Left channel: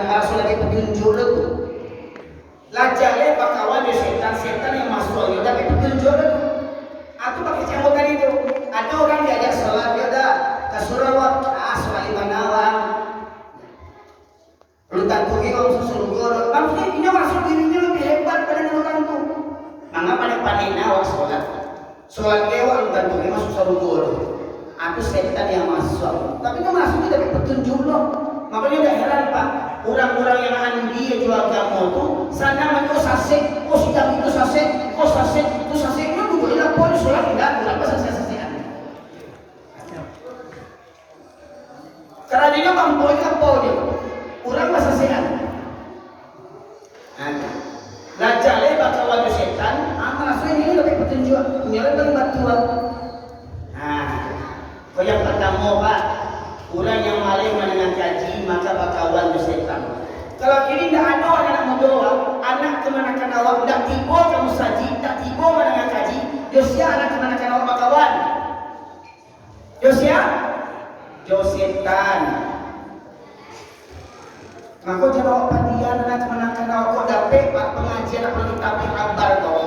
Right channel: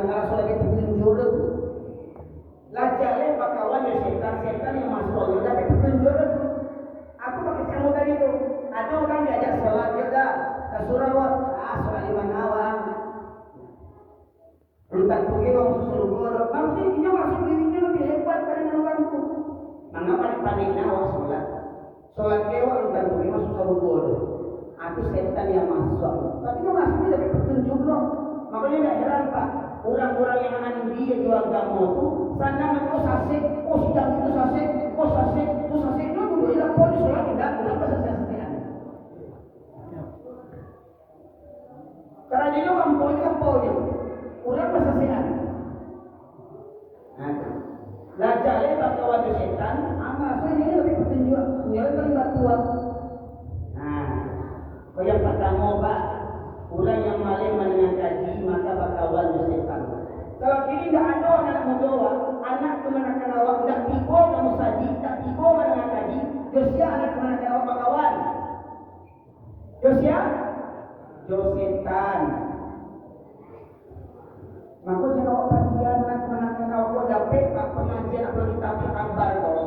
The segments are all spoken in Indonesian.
Rasul lagi petunjuk lu. Lajale bakawan dia setan yang masuk ayo tapi petunjuk lu. Aku pakai camutan itu. Ada orang diajak sholat dia dah ke Surawat, sholat di Manawang. Lu tak pergi orang susul guru. Maksudnya ini masuk dirinya lebih hebat pada orang tu. Mangga panik-panik nawak sholat. Sholat lewat lu tak pergi masuk susul guru. Aku setan yang masuk. Tapi itu masuknya dari petunjuk lo. Makanya udah heran Pak. Orang-orang yang andi jual kamu tu sana mau sasek, sidang itu sasek, itu sasek itu dulu ilah polis sholat enggak, kenapa sasekan? Karena dia mampu ilah polis, orang sasekan. Lajale bakal wajah setan, maksudnya ini lebih petunjuk, menyalahkan batuan. Kau yang pertama Pak. Orang yang maling mendengar kaji maka bakawan setan. Kalau kini tidak ada anak muda, anak kemanakan awak tidak tiba kamu saji, tak tiba mendengar kaji. Josia anak kemanakan awak bakawan. Josia, setan. Maka jawab padian anak kemanakan awak kau dapat pengajian apa kita kabar kau.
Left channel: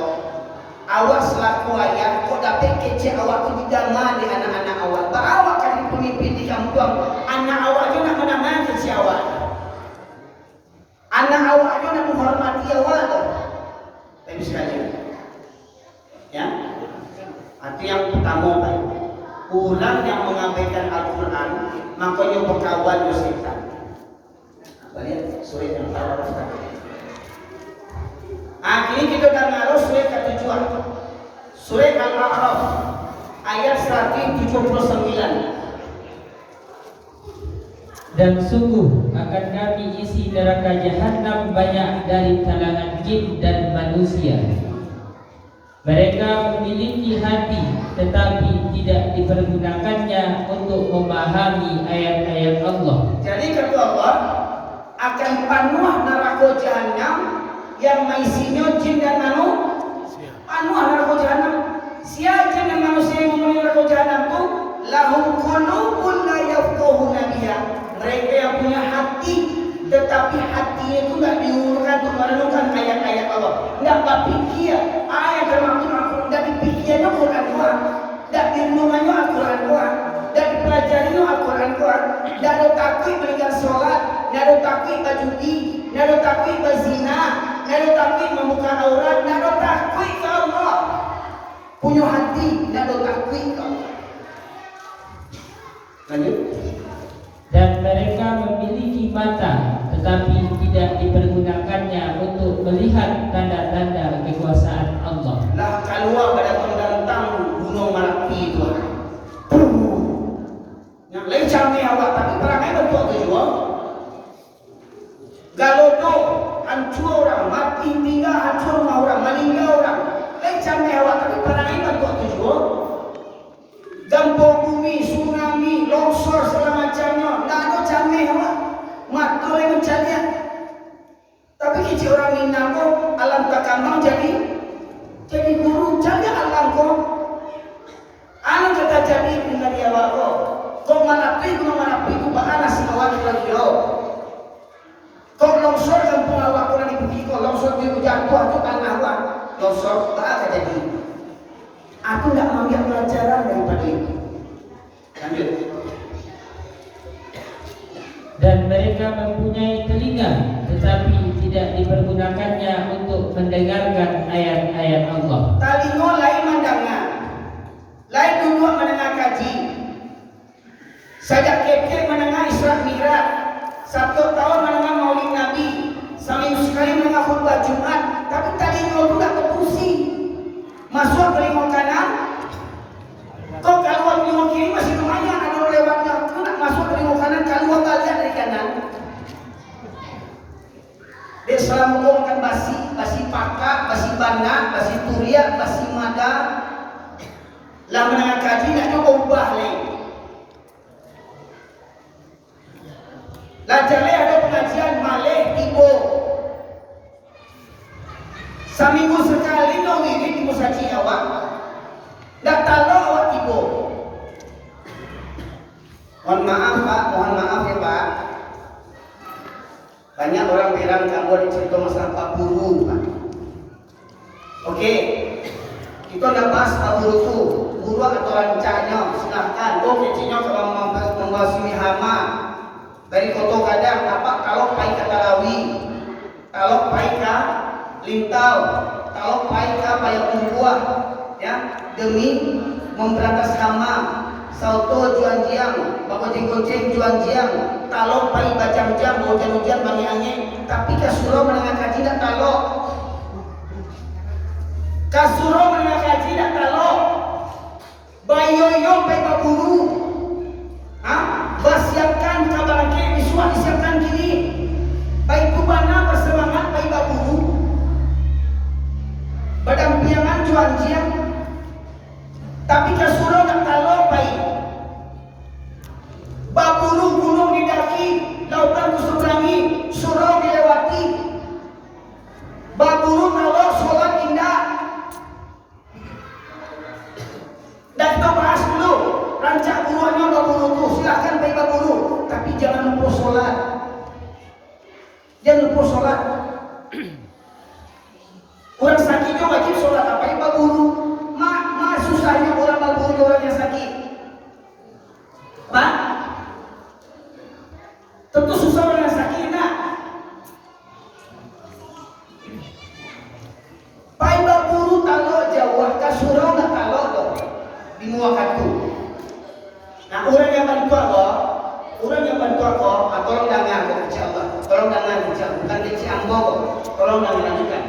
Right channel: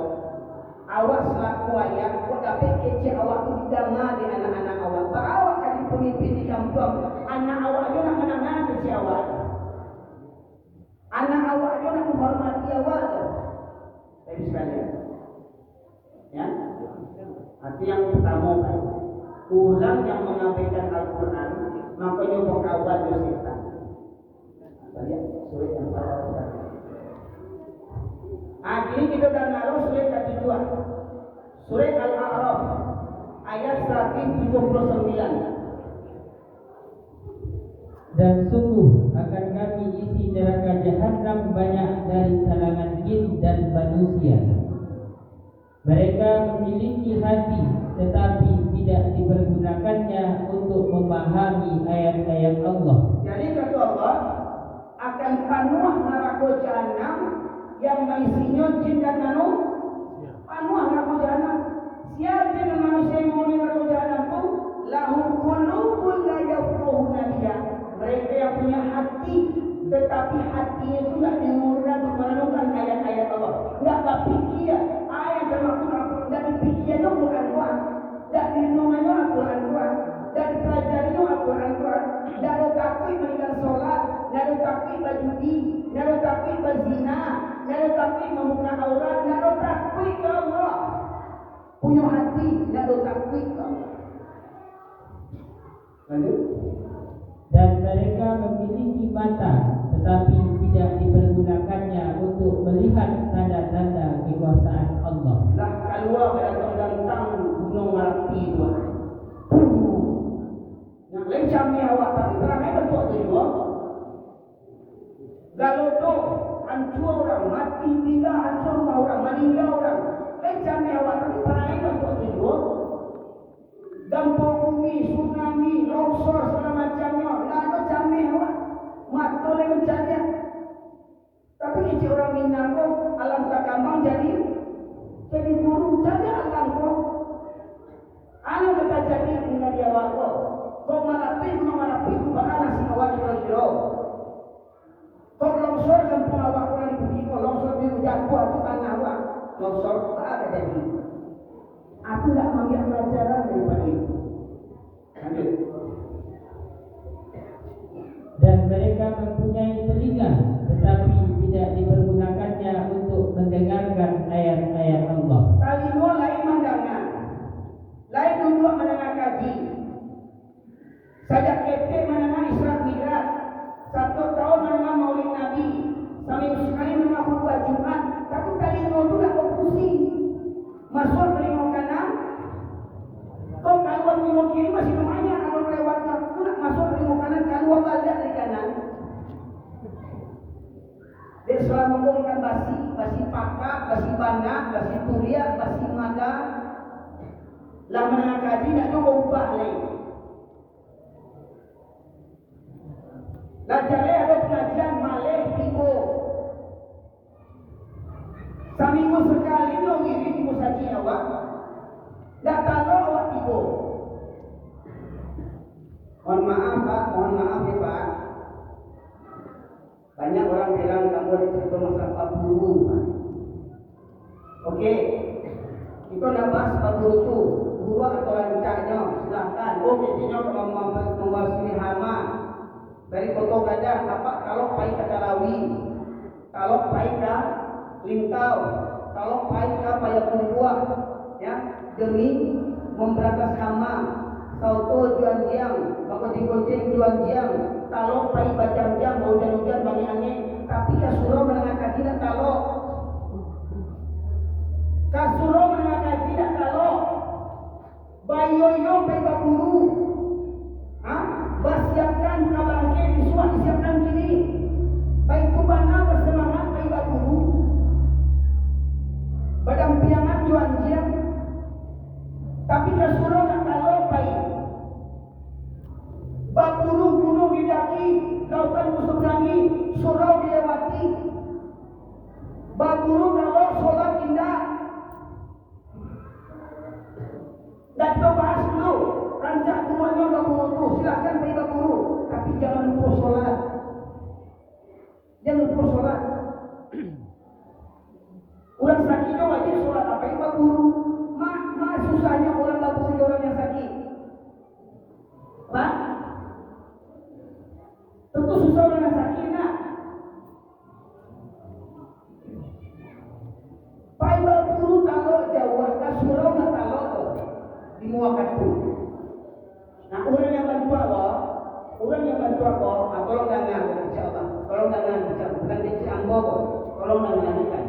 Awak selaku ayah kau dapat kecil awak tu didama di anak-anak awak. Awak kan pemimpin di kampung. Anak awak juga nak mendengar kecil awak. Anak awak juga nak menghormati awak tu. Tapi sekali. Ya. Itu yang pertama Pak. Orang yang mengabaikan Al-Quran makanya berkawan dengan setan. Apa lihat surat yang Al-Araf tadi. Kini kita dah ngaruh surat ketujuan. Surat Al-A'raf ayat 179. Dan sungguh akan kami isi neraka jahanam banyak dari kalangan jin dan manusia. Mereka memiliki hati tetapi tidak dipergunakannya untuk memahami ayat-ayat Allah. Jadi kata Allah akan penuh neraka jahanam yang isinya jin dan manusia. Penuh neraka jahanam. Siapa jin dan manusia yang memenuhi neraka jahanam itu? Lahum qulubun la yafqahuna biha. Mereka yang punya hati tetapi hatinya itu tidak diuruskan untuk merenungkan ayat-ayat Allah. Tidak berpikir ayat termaktub Al-Quran. Tidak dipikirnya Al-Quran Quran. Tidak direnungannya Al-Quran Quran. Tidak dipelajarinya Al-Quran Quran. Tidak ada takut meninggal sholat. Tidak ada takut berjudi. Tidak ada takut berzina. Tidak ada takut membuka aurat. Tidak ada takut ke Allah. Punya hati tidak ada takut ke Allah. Lanjut. Dan mereka memiliki mata tetapi tidak dipergunakannya untuk melihat tanda-tanda kekuasaan Allah. Lah keluar pada tentang gunung Merapi itu. Yang lain camai awak tapi perangai bentuk tu juga. Galodo hancur orang, mati tinggal hancur rumah orang, meninggal orang. Lain camai awak tapi perangai bentuk tu juga. Gempa bumi, tsunami, longsor segala macamnya. Tak ada camai awak. Matul yang mencari. Tapi kecil orang Minang tu alam tak kambang jadi guru jaga alam ko. Anu kata jadi dengan dia awak ko manapi ku bahana si awak kira-kira. Ko longsor kampung awak kurang dipuji ko longsor di jatuh tu tanah awak. Longsor tak jadi. Aku tidak mengambil pelajaran daripada itu. Lanjut. Dan mereka mempunyai telinga tetapi tidak dipergunakannya untuk mendengarkan ayat-ayat Allah. Telinga lain mendengar, lain duduk mendengar kaji. Sajak keke mendengar Isra Mi'raj, 1 tahun mendengar Maulid Nabi, seminggu sekali mendengar khutbah Jumat, tapi telinga itu tak berfungsi. Masuk telinga kanan, kok keluar telinga kiri masih lumayan ada lewatnya. Kau nak masuk telinga kanan, keluar balik dari kanan. Dia selalu ngomongkan basi pakak, basi banda, basi turiak, basi mada. Lah mendengar kaji nak coba ubah lain. Lah jale ada pengajian malih tibo. Seminggu sekali dong ini tibo saji awak. Dak talo awak tibo. Mohon maaf Pak, mohon maaf ya Pak. Banyak orang bilang kamu ada cerita masalah Pak Buru, Pak. Oke, kita nak bahas Pak Buru tu. Buru atau rancanya, silahkan. Oh, kecilnya kalau membahas hama dari koto kadang apa kalau pai kata lawi, kalau pai ka lintau, kalau pai ka payah buah, ya demi memberantas hama. Sauto juan jiang, bakoceng-koceng juan jiang, talok pai bajang-jang, hujan-hujan bangi angin, tapi kasuro menengah kaji tak talok. Kasuro menengah kaji tak talok. Bayoyo pai baburu. Bersiapkan kabar ke visual disiapkan gini. Pai kubana bersemangat pai baburu. Berdampingan juan jiang. Tapi kasuro tak talok pai. Baburu gunung didaki, lautan kuseberangi, surau dilewati. Baburu talok sholat indah. Dan kita bahas dulu rancak buruannya baburu itu. Silahkan pai baburu, tapi jangan lupa sholat. Jangan lupa sholat. Orang sakit juga wajib sholat apa yang baburu. Ma susahnya orang baburu orang yang sakit. Pak, tentu susah orang yang sakit nak. Pai baburu talok jauh, kasurau nak talok dong. Di muakatu. Nah orang yang bantu aku, tolong dengar insyaallah. Tolong dengar insyaallah. Bukan kecil ambo, tolong dengar lanjutkan.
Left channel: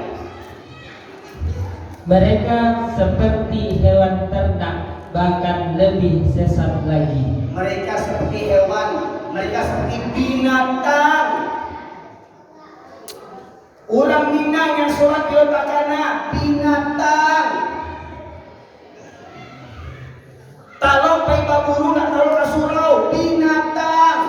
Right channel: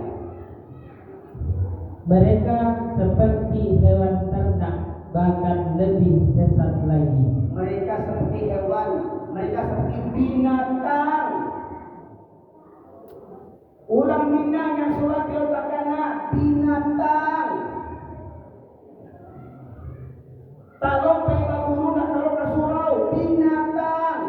Mereka seperti hewan ternak, bahkan lebih sesat lagi. Mereka seperti hewan, mereka seperti binatang. Orang Minang yang sholat di otakana binatang. Talok pai baburu nak talok kasurau binatang.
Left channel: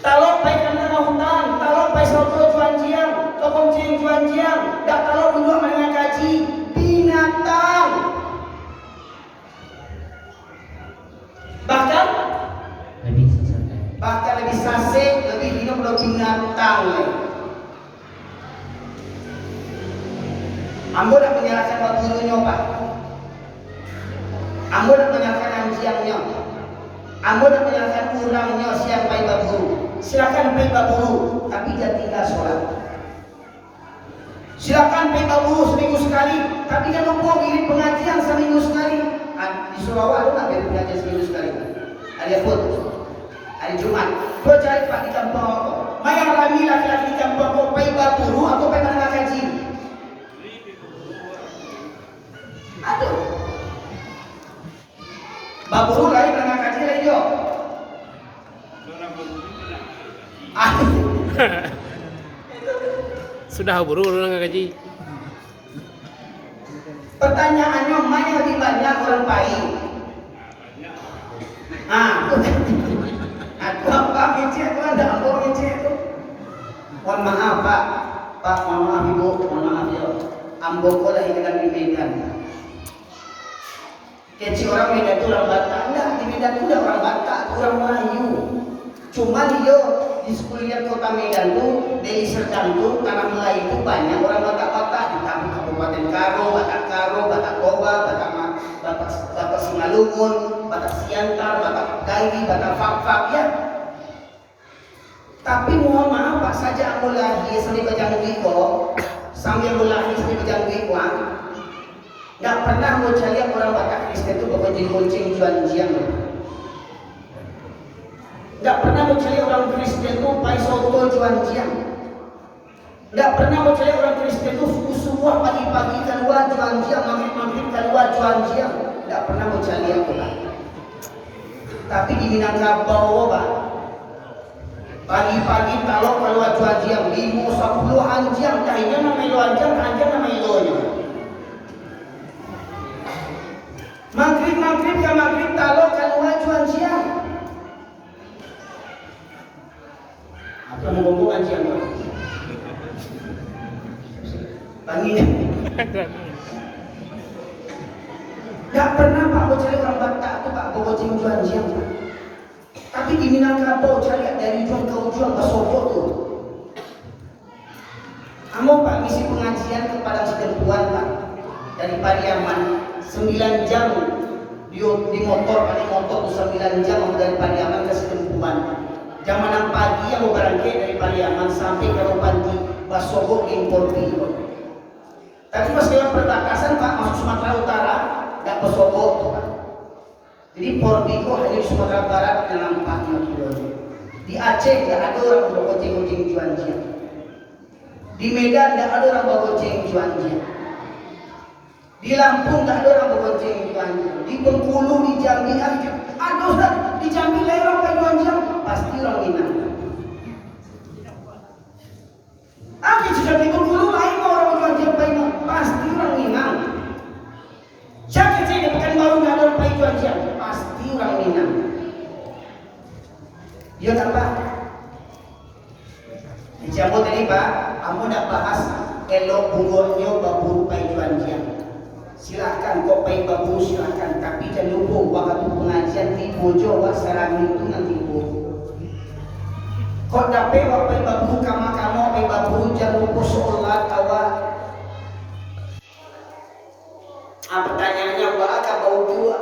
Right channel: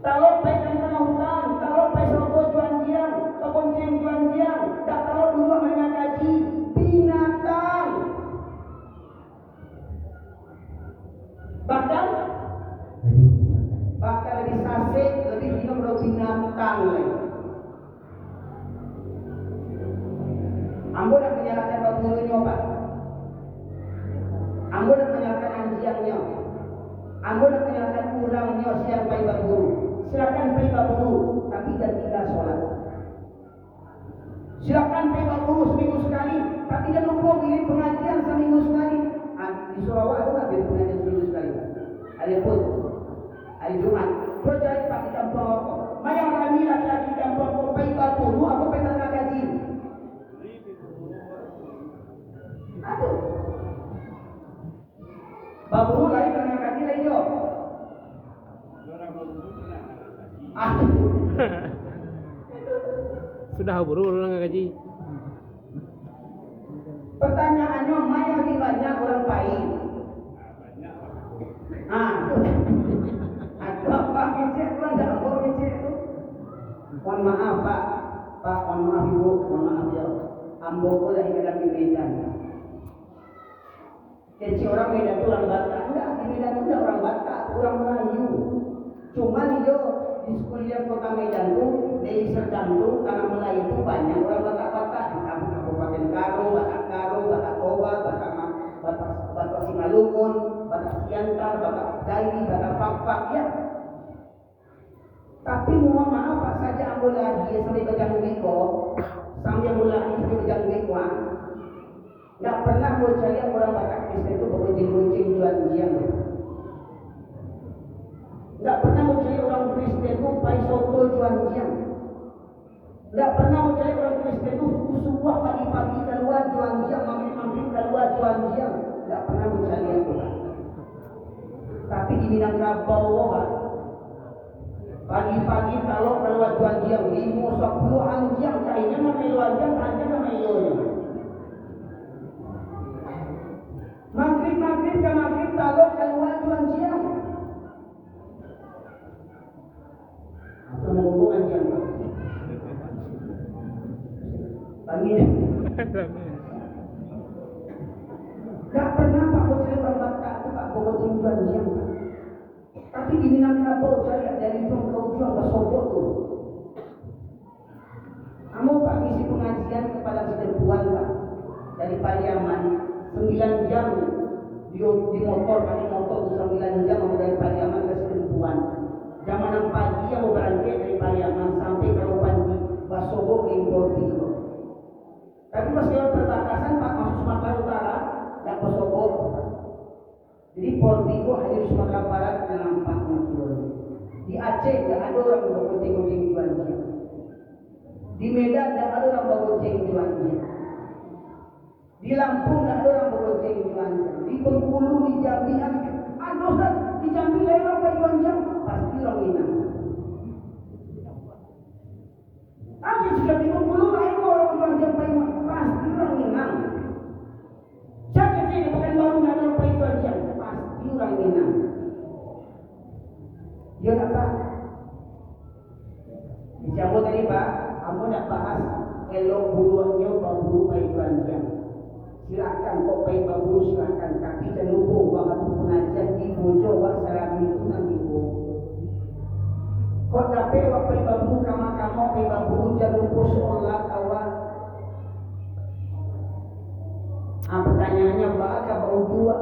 Talok pai kandang hutan, talok pai soto juan jiang, tokong cing juan jiang, dak talok dua menengah kaji binatang. Bahkan Lebih sesat lagi. bahkan lebih sasek, lebih hidup dari binatang lagi. Ambo nak menyalahkan baburunya Pak. Ambo nak menyalahkan anjiangnya. Ambo nak menyalahkan urangnya siang pai baburu. Silakan pai baburu, tapi jangan tinggal sholat. Silakan pai baburu seminggu sekali, tapi jangan lupa ngirim pengajian seminggu sekali. Di Surabaya ada nak ngirim pengajian seminggu sekali. Hari apa? Hari Jumat. Kau cari Pak di kampung aku. Mayang rami laki-laki di kampung aku pai baburu atau pai menengah kaji. Aduh. Baburu lari menengah kaji lagi jo. Sudah buru orang gaji. Pertanyaannya mana lebih banyak orang baik? Aku apa ngecek tu anda apa ngecek tu? Mohon maaf Pak, mohon maaf Ibu, mohon maaf ya. Ambo ko lahir di Medan. Kecil orang Medan tu orang Batak, enggak di Medan tu orang Batak, orang Melayu. Cuma dia di sekuliah kota Medan tu, dari Serdang tu, tanah Melayu tu banyak orang Batak-Batak di Kabupaten Karo, Batak Toba, Batak Simalungun, Batak Siantar, Batak Gairi, Batak Fak-Fak ya. Tapi mohon maaf Pak, saja aku lahir sampai bejang wiko, sambil lahir sampai bejang wiko, nggak pernah mau cari orang Batak Kristen itu bekerja kucing juan jiang. Nggak pernah mau cari orang Kristen itu pai soto juan jiang. Nggak pernah mau cari orang Kristen itu subuh pagi-pagi keluar juan jiang, maghrib keluar juan jiang. Nggak pernah mau cari aku Pak. Tapi di Minangkabau Pak, pagi-pagi kalau keluar juan jiang, 5-10 anjang, kayaknya namanya anjang nama ilonya. Maghrib ke maghrib kalau keluar juan jiang. Apa mau ngomong anjang? Pagi. Gak pernah Pak mau cari orang Batak tuh Pak bogocing juan jiang. Tapi di Minangkabau cari dari ujung ke ujung ke Sobok tuh. Kamu Pak ngisi pengajian ke Padang Sidempuan Pak, dari Pariaman 9 jam di motor tuh 9 jam dari Pariaman ke Sidempuan. Jam 6 pagi yang mau berangkat dari Pariaman sampai ke Ropanti Basobok impor Pilo. Tapi pas lewat perbatasan Pak masuk Sumatera Utara nggak ke Sobok Pak. Jadi Porbigo hanya di Sumatera Barat dengan 4 kilo. Di Aceh nggak ada orang bawa goceng-goceng juanjian. Di Medan nggak ada orang bawa goceng juanjian. Di Lampung nggak ada orang bawa goceng juanjian. Di Bengkulu, di Jambi ada Ustaz. Di Jambi lain orang bawa juanjian pasti orang Minang. Jika di Bengkulu lain orang juanjian pasti orang Minang. Siapa sih di Pekanbaru nggak ada orang bawa juanjian? Pasti orang Minang. Ya tak Pak? Dijabut tadi Pak, kamu nak bahas elok bungurnya baburu pai juanjian. Silahkan kok pai baburu silahkan, tapi jangan lupa waktu pengajian di bojo wak sarang itu nanti bu. Kok dapat wak pai baburu kamu pai baburu jangan lupa sholat awak. Pertanyaannya apa bau dua?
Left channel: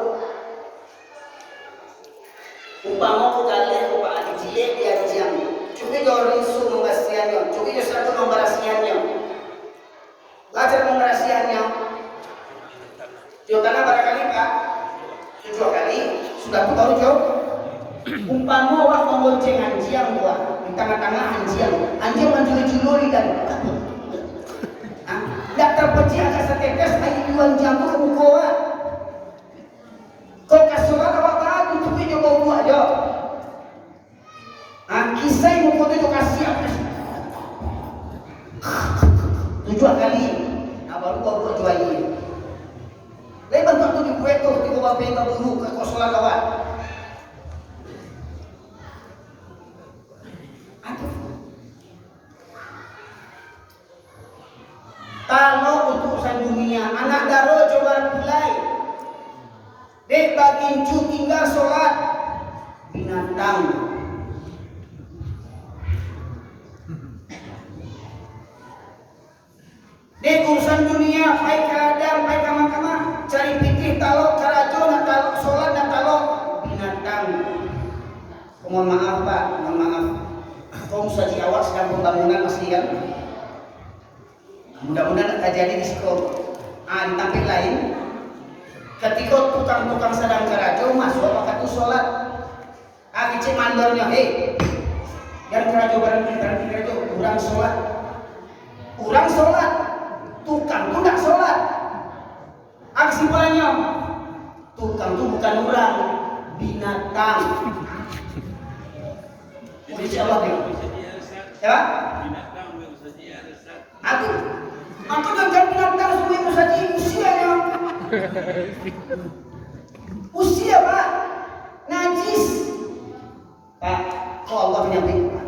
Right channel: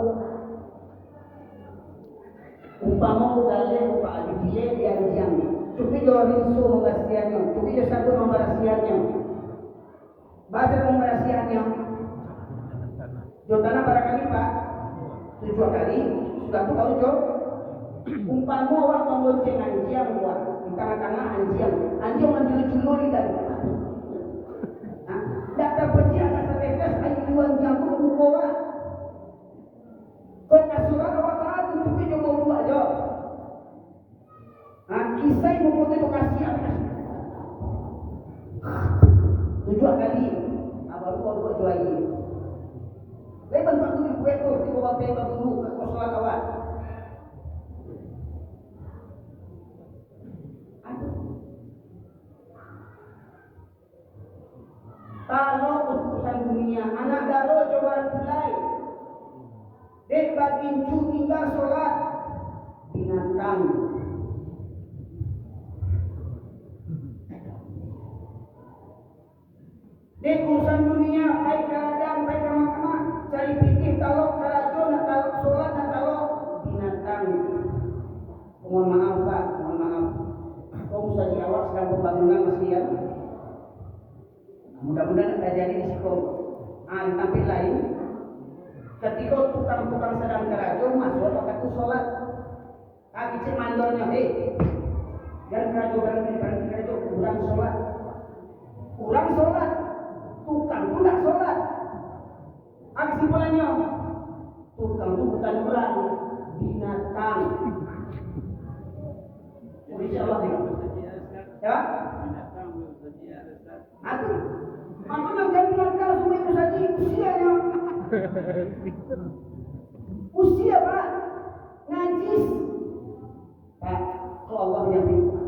Umpama ko galing ko pa adijile dia jam. Cukup jo rinso menggasiannya, cukup jo satu memberasiannya. Baca memberasiannya. Jo tanah barangkali Pak 7 kali sudah ku tahu jo. Umpama wak mengonceng anjiang gua di tengah-tengah anjiang menjulur-juluri dan tidak terpecah agak setetes air juan jam tu kamu kuat. Kau kasurat awak tak tutupi jo bau buat jo. Kisah yang mau itu kasih apa? 7 kali. Baru bau buat jual ini. Lepas tu di buat tu di bawah peta bulu ke kosolan kawan. Kalau untuk urusan dunia, anak daro coba mulai. Dek bagi cu tinggal sholat binatang. Dek urusan dunia, baik keadaan, baik kamar-kamar, cari pikir talok karajo, nak talok sholat, nak talok binatang. Mohon maaf Pak, mohon maaf. Kau saji awak sedang pembangunan masih kan? Mudah-mudahan tak jadi di sekolah. Di tempat lain, ketika tukang-tukang sedang kerajo masuk apa tu sholat, kecik mandornya, yang kerajo barang kerajo kurang sholat, tukang tu tak sholat. Kesimpulannya, tukang tu bukan orang, binatang. Insya Allah ni. Ya? Aku jangan binatang semua yang saji usianya. Usia Pak, najis. Pak, kok Allah menyampaikan Pak?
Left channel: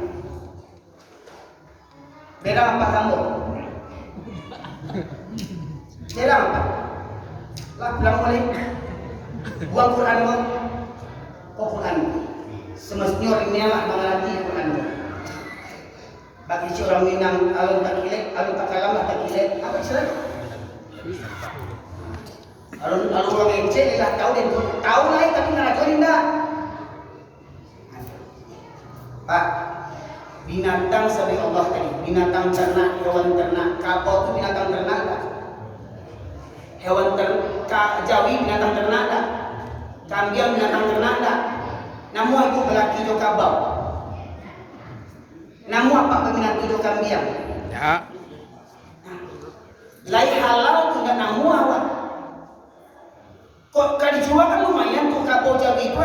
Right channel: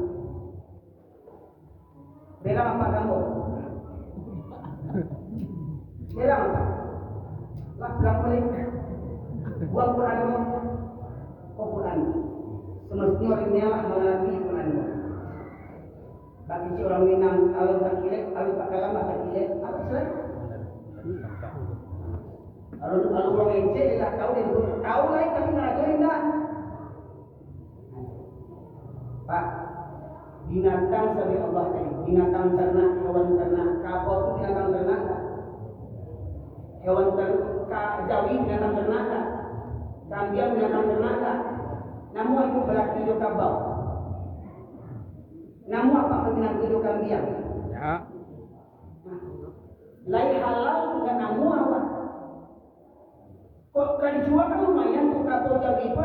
Beda apa kamu? Beda apa? Lah pulang balik. Buang Quran kau. Kok Quran? Semestinya orangnya lah mengerti Quran. Bagi si orang Minang, alun tak kilet, alun tak kalam lah tak kilet. Apa istilah? Alun orang Ece lah tahu dia tahu lah tapi ngeracunin dah. Pak, binatang sampai Allah tadi, binatang ternak, hewan ternak, kabau itu binatang ternak dah. Hewan jawi binatang ternak dah. Kambing binatang ternak dah. Namun itu berlaki jo kabau. Namun apa peminat tujuh kambing? Ya. Lai halal tu nak namu awak. Kok kali jual kan lumayan tu kabau jawi tu.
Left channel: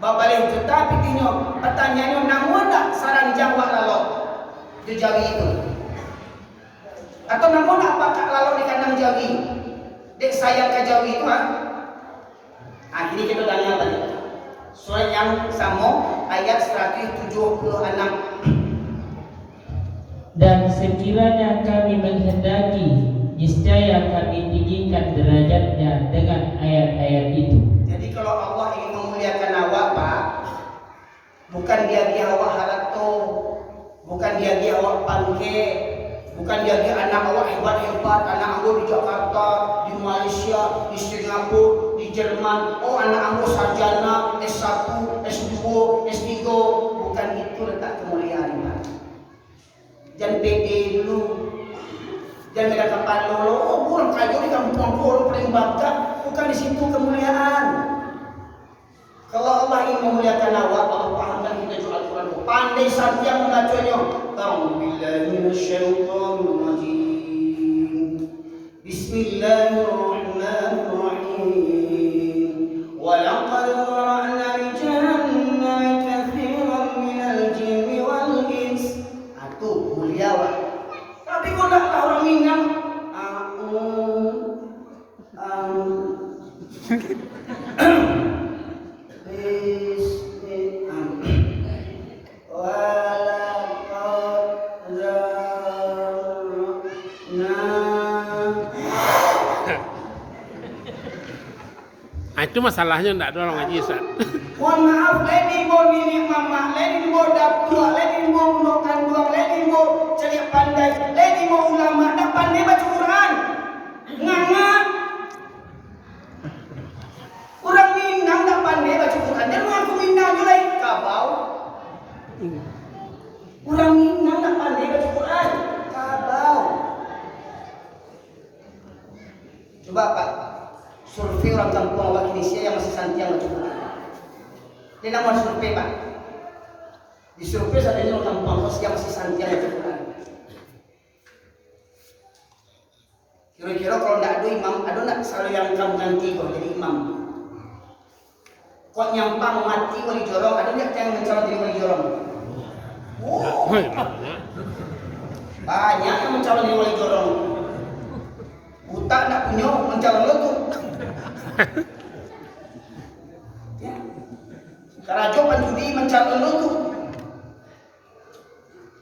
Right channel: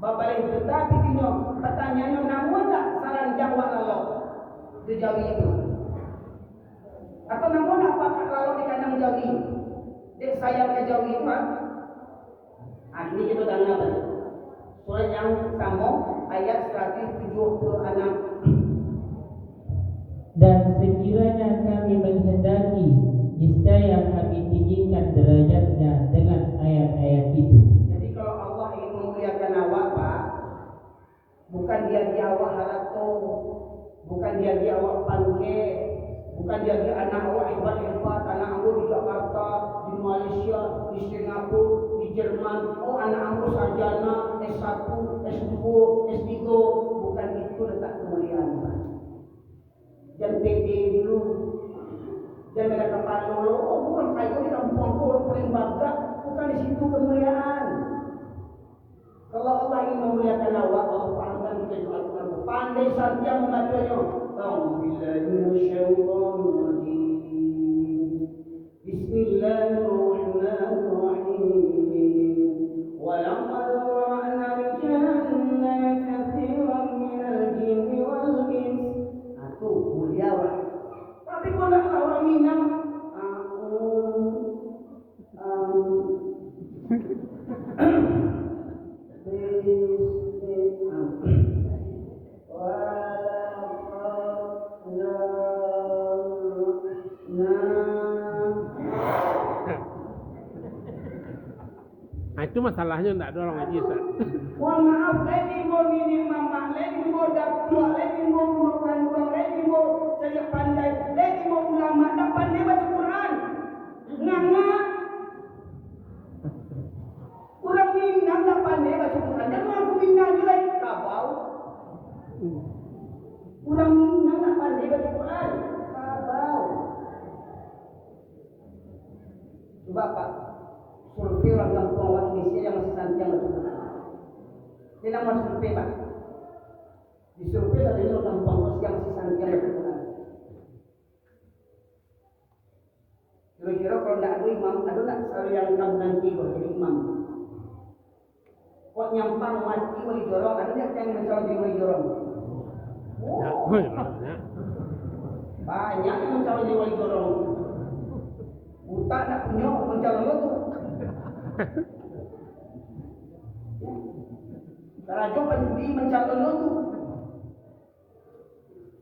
Babalih tetapi tinyo pertanyaannya namu ada saran jawab lalu di jawi itu. Atau namu nak apa lalu di kandang jawi? Dek sayang ke jawi itu Ini kita tanya tadi. Surah yang sama ayat 176. Dan sekiranya kami menghendaki, niscaya kami tinggikan derajatnya dengan ayat-ayat itu. Jadi kalau Allah ingin memuliakan awak Pak, dia awak harato, bukan dia awak pangke, bukan dia anak awak hebat-hebat, anak anggo di Jakarta, di Malaysia, di Singapura, di Jerman. Oh, anak anggo sarjana S1, S2, S3. Bukan itu letak kemuliaan, Pak. Jangan pede dulu. Jangan ada kapan lo, oh burung kayu di kampung burung paling bangga. Bukan di situ kemuliaan. Kalau Allah ingin memuliakan awak, Allah pahamkan kita juga Al-Quran. Pandai santiang membacanya. A'udzubillahi minasyaitonir rajim. Bismillahirrahmanirrahim. Wa laqad zara'na li jahannama katsiran minal jinni wal ins. Itu mulia, Pak. Tapi kok enggak tahu orang Minang? Itu masalahnya enggak ada orang ngaji, Ustaz. Mohon maaf, leni mo nini mama, leni mo dapua, leni mo unokan dua, leni mo ceria pandai, leni mo ulama, dah pandai baca Quran. Nganga. Orang Minang dah pandai baca Quran. Dan orang Minang juga kabau. Orang Minang dah pandai baca Quran. Kabau. Coba Pak, survei orang kampung awak Indonesia yang masih santiang baca Quran. Dia nak buat survei, Pak. Di survei sadanya orang kampung yang masih santiang baca Quran. Kira-kira kalau tidak ada imam, ada nak selalu yang kamu ganti kau jadi imam. Kok nyampang mati wali jorong, ada nak yang mencalon jadi wali jorong? Oh, banyak yang mencalon jadi wali jorong. Buta nak punya mencalon lo tu. Ya. Karajo penjudi mencalon lo tu.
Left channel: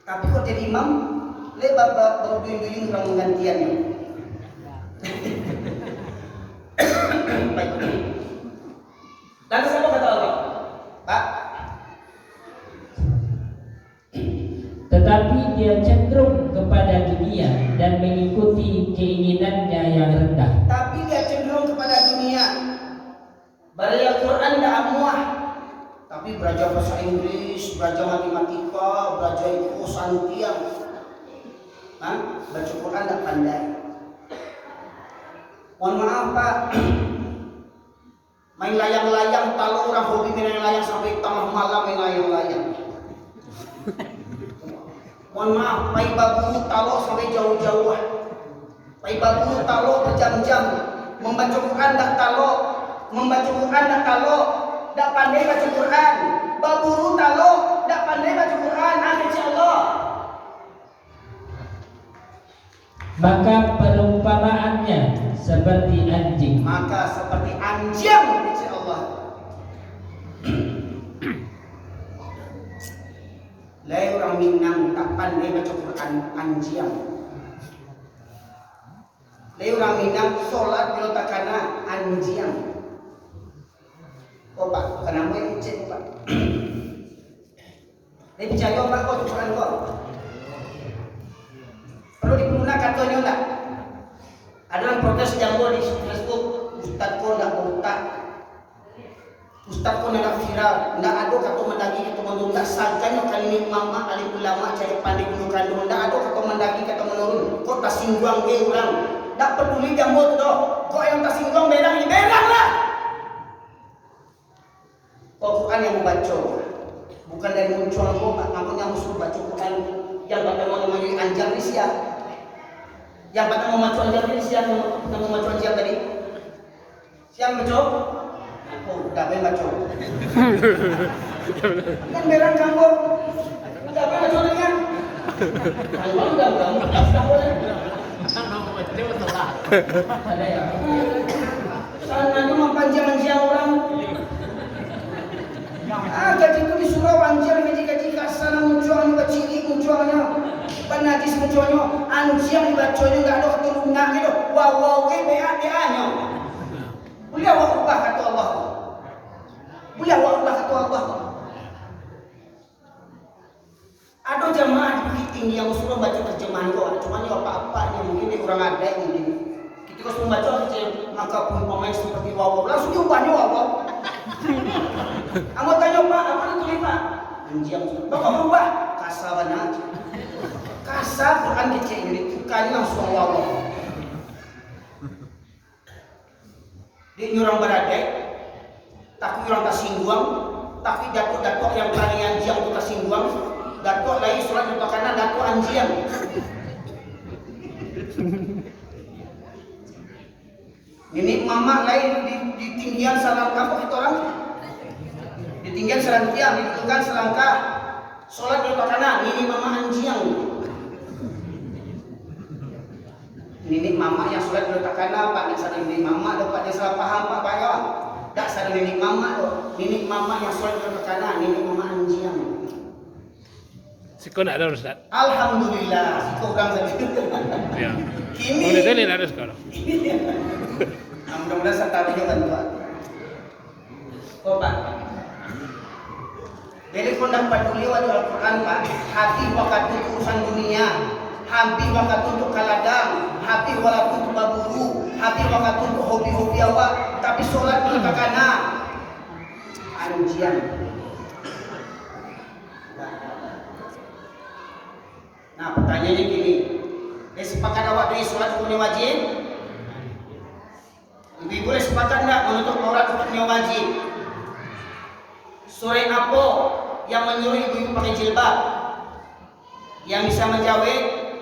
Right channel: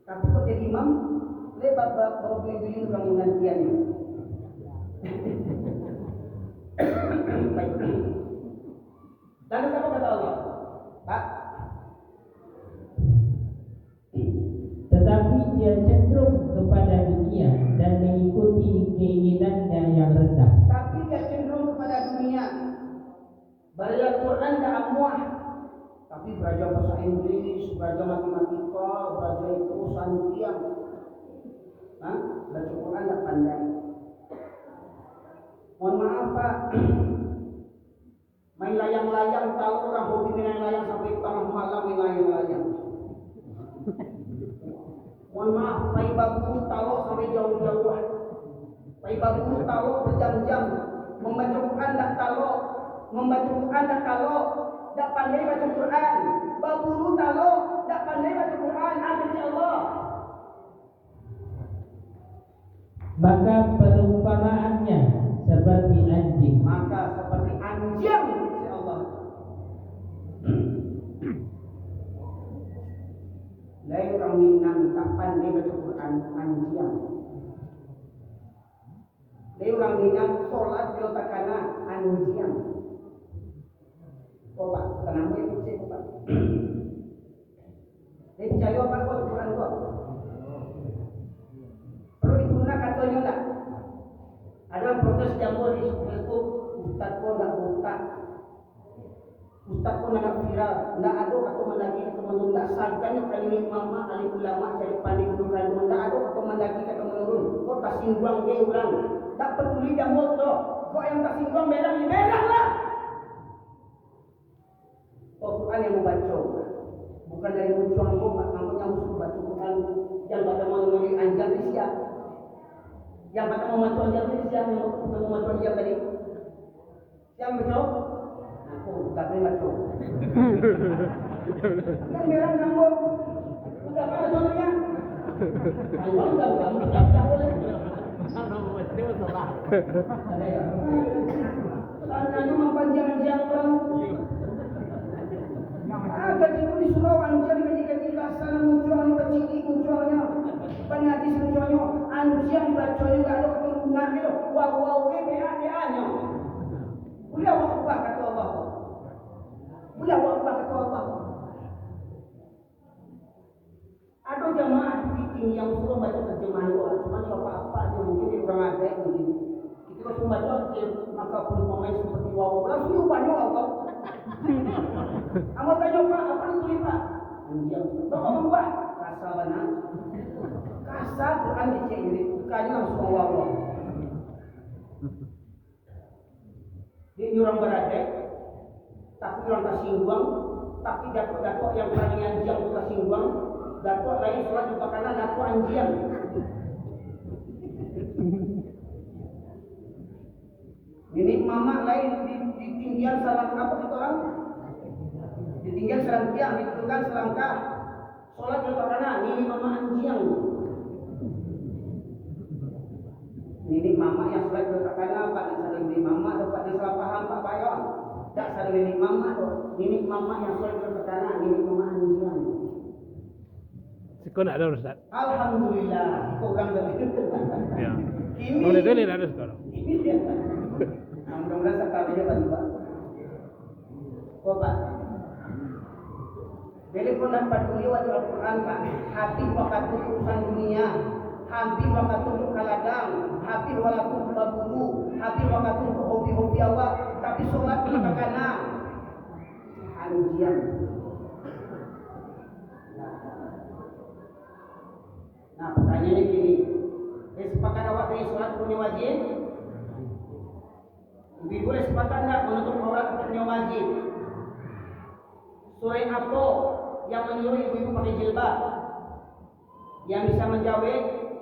Tapi kok jadi imam, le bapak berduyun-duyun orang menggantiannya. Baik. Lalu siapa kata Allah? Pak. Tetapi dia cenderung kepada dunia dan mengikuti keinginannya yang rendah. Tapi dia cenderung kepada dunia. Belajar Quran dah muah. Tapi belajar bahasa Inggris, belajar matematika, belajar itu santiang. Baca Quran tak pandai. Mohon maaf Pak. Main layang-layang, kalau orang hobi main layang sampai tengah malam main layang-layang. Mohon maaf, pai babu talok sampai jauh-jauh. Pai babu talok berjam-jam. Membaca Quran tak talok, membaca Quran tak talok, tak pandai baca Quran. Baburu talok, tak pandai baca Quran. Insya Allah. Maka perumpamaannya seperti anjing. Maka seperti anjing, insya Allah. Lai orang Minang tak pandai baca Quran, anjing. Lai orang Minang solat bila tak kena, anjing. Oh Pak, kenapa ini cek Pak? Lai percaya Pak kau Quran kau? Perlu diperlukan katanya tak? Ada yang protes jangkau di Facebook, Ustaz kau nak berutak, Ustaz kau nak viral, nak ada kata mendagi kata menurun, tak sangkanya kali mama alim ulama cari pandai dulu kandung, tak ada kata mendagi kata menurun, kau tak singgung dia orang, tak peduli jangkau tu doh, kau yang tak singgung berang ni berang lah. Kau Quran yang membaca, bukan dari muncul kau, namanya musuh baca Quran yang pada mau menjadi anjang ni siap. Yang pertama mau macu anjang ni siapa yang mau macu anjang tadi? Siapa macu? Aku dah main macu. Kan berang kamu. Dah main macu lagi kan? Kalau dah boleh. Ada ya. Sana tu mempanjang-panjang orang. Gaji tu disuruh anjing gaji kasar munculnya baciri munculnya. Penajis munculnya, anjing dibacanya enggak ada keturunan gitu. Wow BA-nya. Boleh Allah kata Allah. Boleh Allah kata Allah. Ada jamaah di Bukit Tinggi yang suruh baca terjemahan doa, cuma ya apa-apanya mungkin di orang ada mungkin. Ketika suruh baca kecil, maka pun pemain seperti wawaw, langsung diubahnya wawaw. Anggota tanya Pak, apa itu nih Pak? Anjing, Bapak berubah, kasabana. Kasar Quran kecil ini, tukanya langsung wawaw. Dia orang beradai, tapi orang tersinggung, tapi datuk-datuk yang berani anjing itu tersinggung. Datuk lain surat untuk kanan, datuk anjing. Ini mama lain di tinggian salam kapok itu orang. Di tinggian salam tiang, di tinggian selangkah. Sholat untuk kanan, ini mama anjing. Ini mama yang sholat untuk kanan, Pak. Dia sadar ini mama, dapat dia salah paham Pak Bayo. Tak sadar ini mama tuh. Ini mama yang sholat untuk kanan, ini mama anjing. Siko nak ada Ustaz. Alhamdulillah, siko orang saja. Ya. Kini. Boleh tadi ada sekarang. Mudah-mudahan saya tahu juga Pak. Kok Pak? Jadi kau dapat peduli waktu Al-Quran Pak. Hati waktu urusan dunia, hati waktu untuk kaladang, hati waktu untuk baburu, hati waktu untuk hobi-hobi awak. Tapi sholat untuk kakana. Anjian. Nah pertanyaannya gini, sepakat awak dari sholat hukumnya wajib? Lebih boleh sepakat enggak menutup aurat hukumnya wajib? Surah apa yang menyuruh ibu-ibu pakai jilbab? Yang bisa menjawab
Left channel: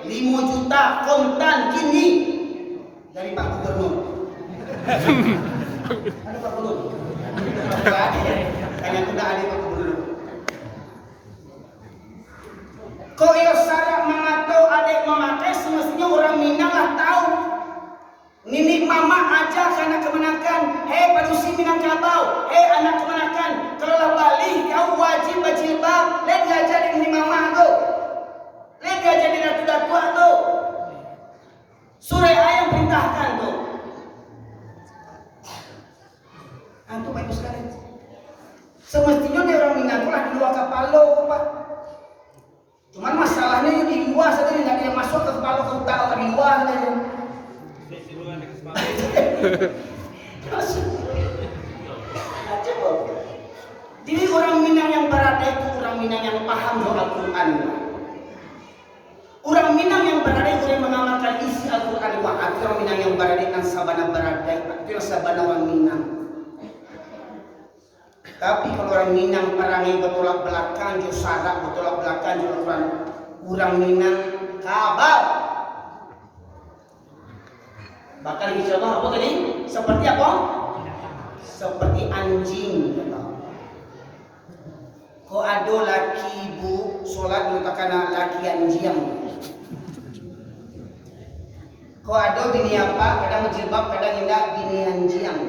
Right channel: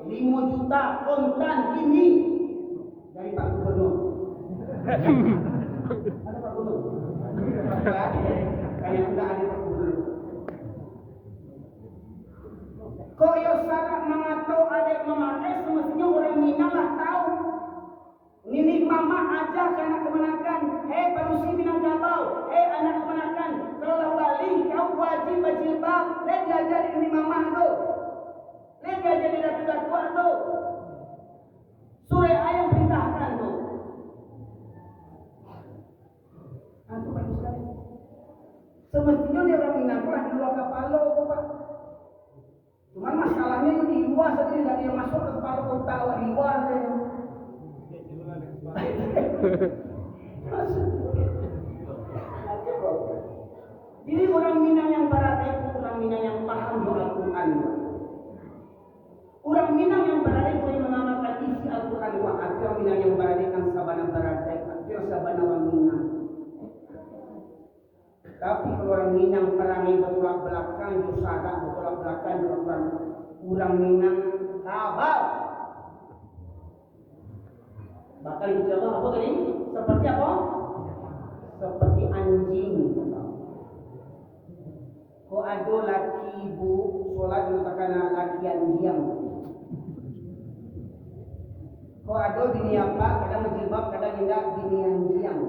5 juta kontan kini dari Pak Gubernur. Ada Pak Gubernur? Tanya tidak ada Pak Gubernur. Kok yo sarak mengatur adik memakai semestinya orang Minang lah tahu. Nini mama aja anak kemenakan. Hei padusi Minangkabau, hei anak kemenakan. Kalau lah balik kau wajib berjilbab. Lihat aja di nini mama tu. Lihat aja di datu-datu tu. Surah ayat perintahkan tu. Antum baik sekali. Semestinya dia orang Minang lah di luar kapalo Pak. Cuman masalahnya yang di luar saja tidak ada yang masuk ke kepala kau tahu di luar saja. Jadi orang Minang yang berada itu orang Minang yang paham doa Al-Quran. Orang Minang yang berada itu yang mengamalkan isi Al-Quran. Itu orang Minang yang berada dan sabana berada. Itu sabana orang Minang. Tapi kalau orang Minang perangai bertolak belakang, jo sadak bertolak belakang, jo orang Minang kabal. Bakal insyaAllah apa tadi? Seperti apa? Seperti anjing. Kau ada laki ibu solat letakkan laki anjing. Kau ada bini apa? Kadang menjilbab, kadang tidak bini anjing.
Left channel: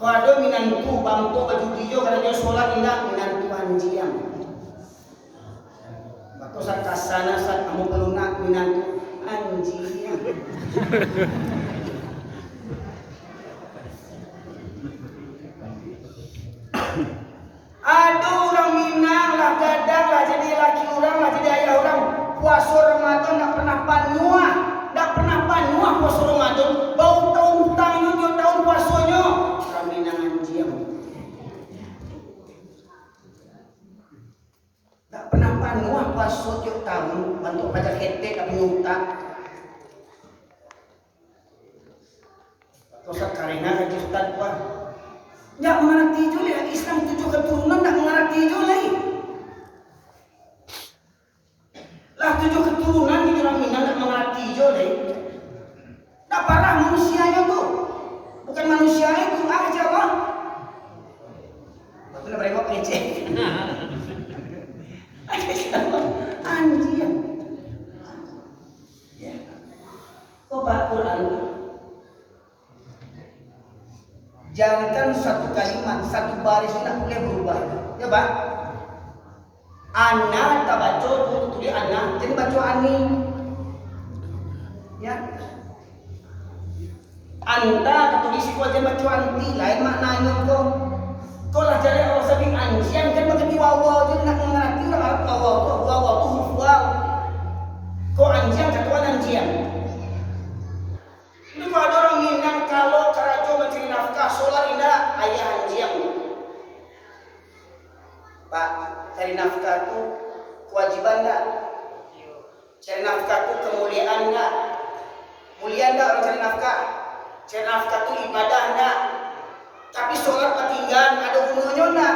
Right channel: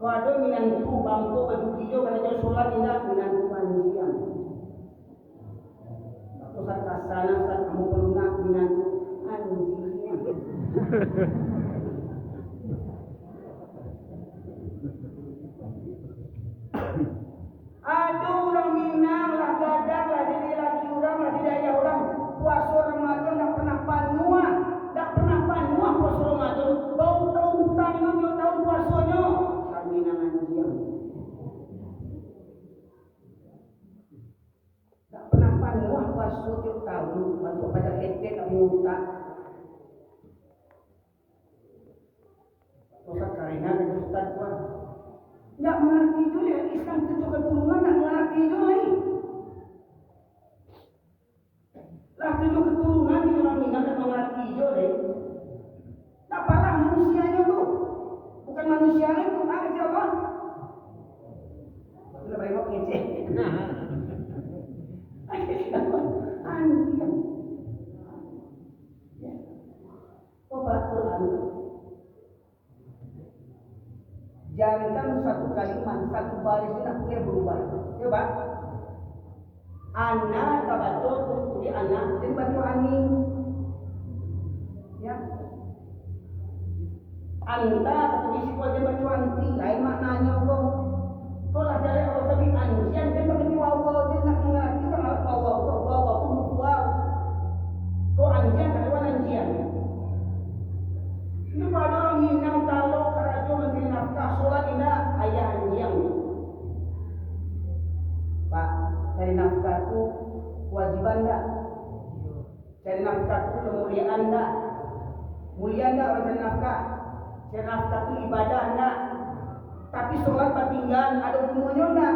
Kau ada minantu bangto baju hijau karena dia sholat indah minantu anjing. Waktu saat kasana saat kamu pelunak minantu anjing. Aduh orang Minang lah gadang lah jadi laki orang lah jadi ayah orang. Puasa Ramadan tak pernah panuah, tak pernah panuah puasa Ramadan. Bau tahun hutangnya dia tahun puasanya. Minang anjing. Tak pernah panuah puasa tiap tahun bantu pajak ketek tapi nyutak. Tosak karena kan Ustaz kuat. Ndak mengerti juga Islam 7 keturunan ndak mengerti juga. Lah 7 keturunan di orang Minang ndak mengerti juga. Tak parah manusianya tuh. Bukan manusia itu aja Allah. Betul mereka ngecek. Anjing. Ya. Kok Pak Quran? Jangankan satu kalimat, satu baris tidak boleh berubah. Ya Pak. Ana tabaco tulis ana, jadi baca ani. Ya. Anta ketulis itu aja baca anti, lain maknanya kok. Kau lah jadi orang sabing anjing kan begitu wawa jadi nak mengerti orang cari nafkah itu kewajiban enggak? Cari nafkah itu kemuliaan enggak? Mulia enggak orang cari nafkah? Cari nafkah itu ibadah enggak? Tapi sholat ketinggalan ada gunanya enggak?